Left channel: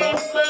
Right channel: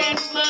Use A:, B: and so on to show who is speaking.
A: Yes,